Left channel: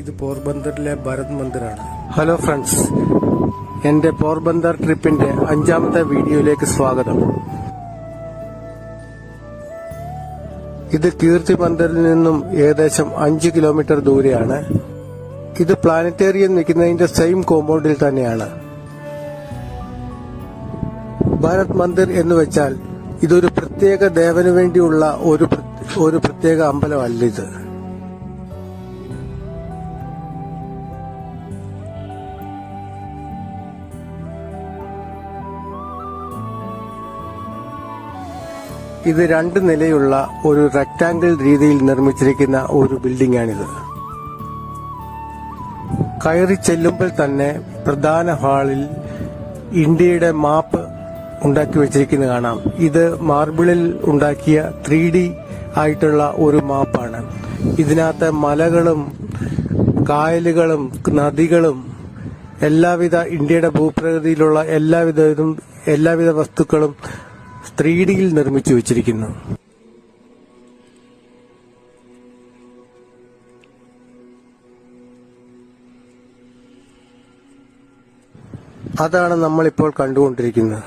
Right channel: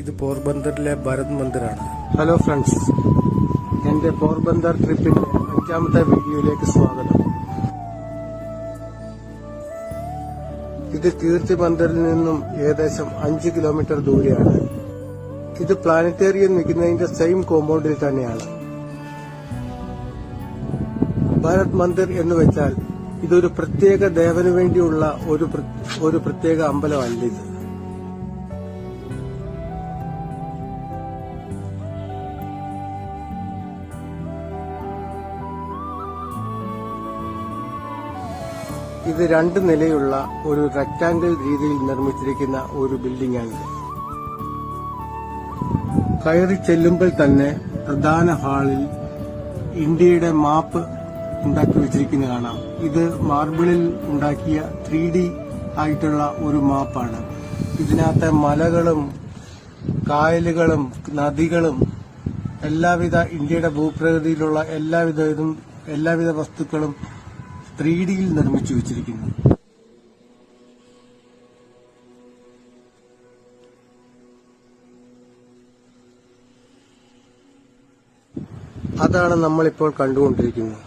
ഇത് പോർബന്ദറിലെ Bharat മന്ദിറാണ്. Hello friends, എന്റെ പോർബന്ദർ ട്രിപ്പിന്റെ 5ാമത്തെ വീഡിയോയിലേക്ക് സ്വാഗതം. ഇത് കീർത്തി മന്ദിറിൽ നിന്നും ഏകദേശം 5 കിലോമീറ്റർ ദൂരെയാണ്. ഇത് പ്ലാനറ്റേറിയം നിൽക്കുന്നതിന്റെ സെയിം കോമ്പൗണ്ടിൽ തന്നെയാണ്. ഭരത് മന്ദിർ എന്ന് വെച്ചാൽ ഇതൊരു പ്രത്യേക ദേവന് വേണ്ടിയുള്ള ഒരു പ്രത്യേക അമ്പലമല്ല ഇത്. ഇത് 2 നിലയുള്ള ഒരു റെക്ടാംഗിൾ രീതിയിൽ നിർമ്മിച്ചിരിക്കുന്ന ഒരു ബിൽഡിംഗ് ആണിത്. കയറി ചെല്ലുമ്പോൾ തന്നെ പ്രധാന ഹാളിൽ ഇന്ത്യയുടെ മാപ്പ് ഉണ്ടാക്കി വെച്ചിരിക്കുന്നത് കാണാം. ഇത് മാർബിളിൽ ഉണ്ടാക്കിയ 3D ആയിട്ടുള്ള ഒരു മാപ്പാണ്. ഇതിനകത്തെ മലകളും കായലുകളും നദികളും എല്ലാവിധ ഇന്ത്യയുടെ ഭൂപ്രകൃതിയിലുള്ള എല്ലാവിധ വസ്തുക്കളും 3Dയിൽ നിർമ്മിച്ചു വെച്ചിരിക്കുന്നു. അതാണ് നമ്മളിപ്പോൾ കണ്ടുകൊണ്ടിരിക്കുന്നത്.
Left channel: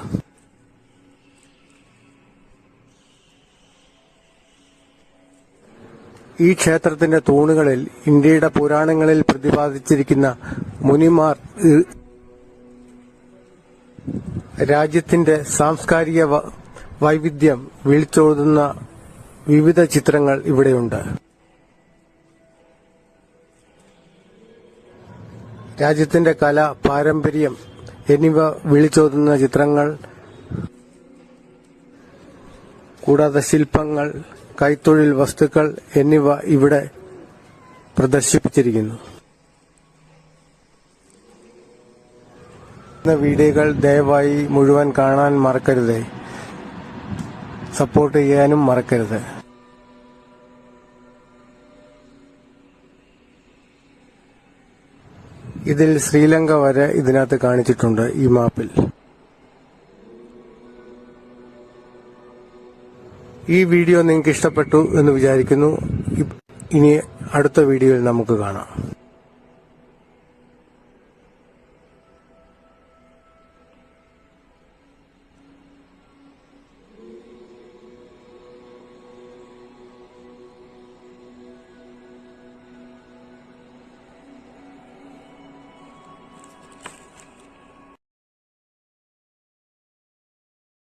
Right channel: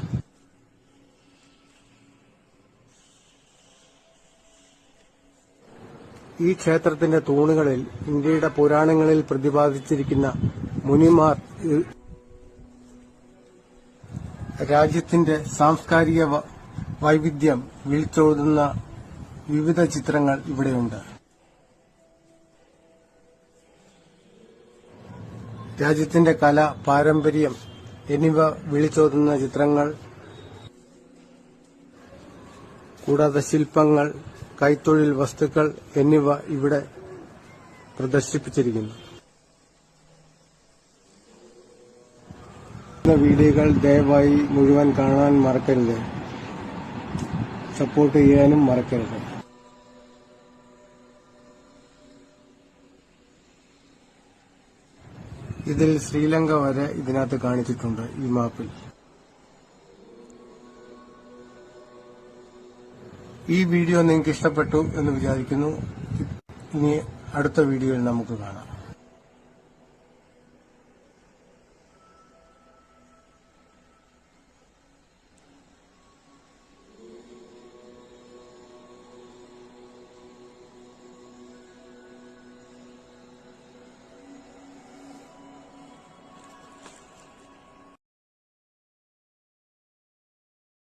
ഈ ക്ഷേത്രത്തിന്റെ തൂണുകളിൽ ഇന്ത്യയുടെ പുരാണങ്ങളിൽ പ്രതിപാദിച്ചിരിക്കുന്ന മുനിമാർ, രാജ്യത്തിന്റെ സാംസ്കാരിക വൈവിധ്യം വിളിച്ചോതുന്ന വിവിധ ചിത്രങ്ങൾ ഇവിടെയുണ്ട്. രാജ്യത്തിന്റെ കല, പാരമ്പര്യം എന്നിവ വിളിച്ചോതുന്ന ചിത്രങ്ങൾ, കൂടാതെ ശില്പങ്ങൾ, കൈത്തൊഴിൽ വസ്തുക്കൾ എന്നിവ ഇവിടെ പ്രദർശിപ്പിച്ചിരിക്കുന്നു. വീഡിയോകൾ ദയവായി മുഴുവൻ കാണാൻ മറക്കരുത്. സപ്പോർട്ട് ചെയ്യാനും മറക്കരുത്. ഇതിൽ ശ്രീലങ്ക വരെ ഇതിനകത്ത് കാണിച്ചിട്ടുണ്ട് ഈ മാപ്പിൽ. ഈ വീഡിയോ നിങ്ങൾക്ക് ഇഷ്ടപ്പെട്ടു എന്ന് വിചാരിക്കുന്നു. ഇനി അടുത്ത വീഡിയോയിൽ നമുക്ക് കാണാം.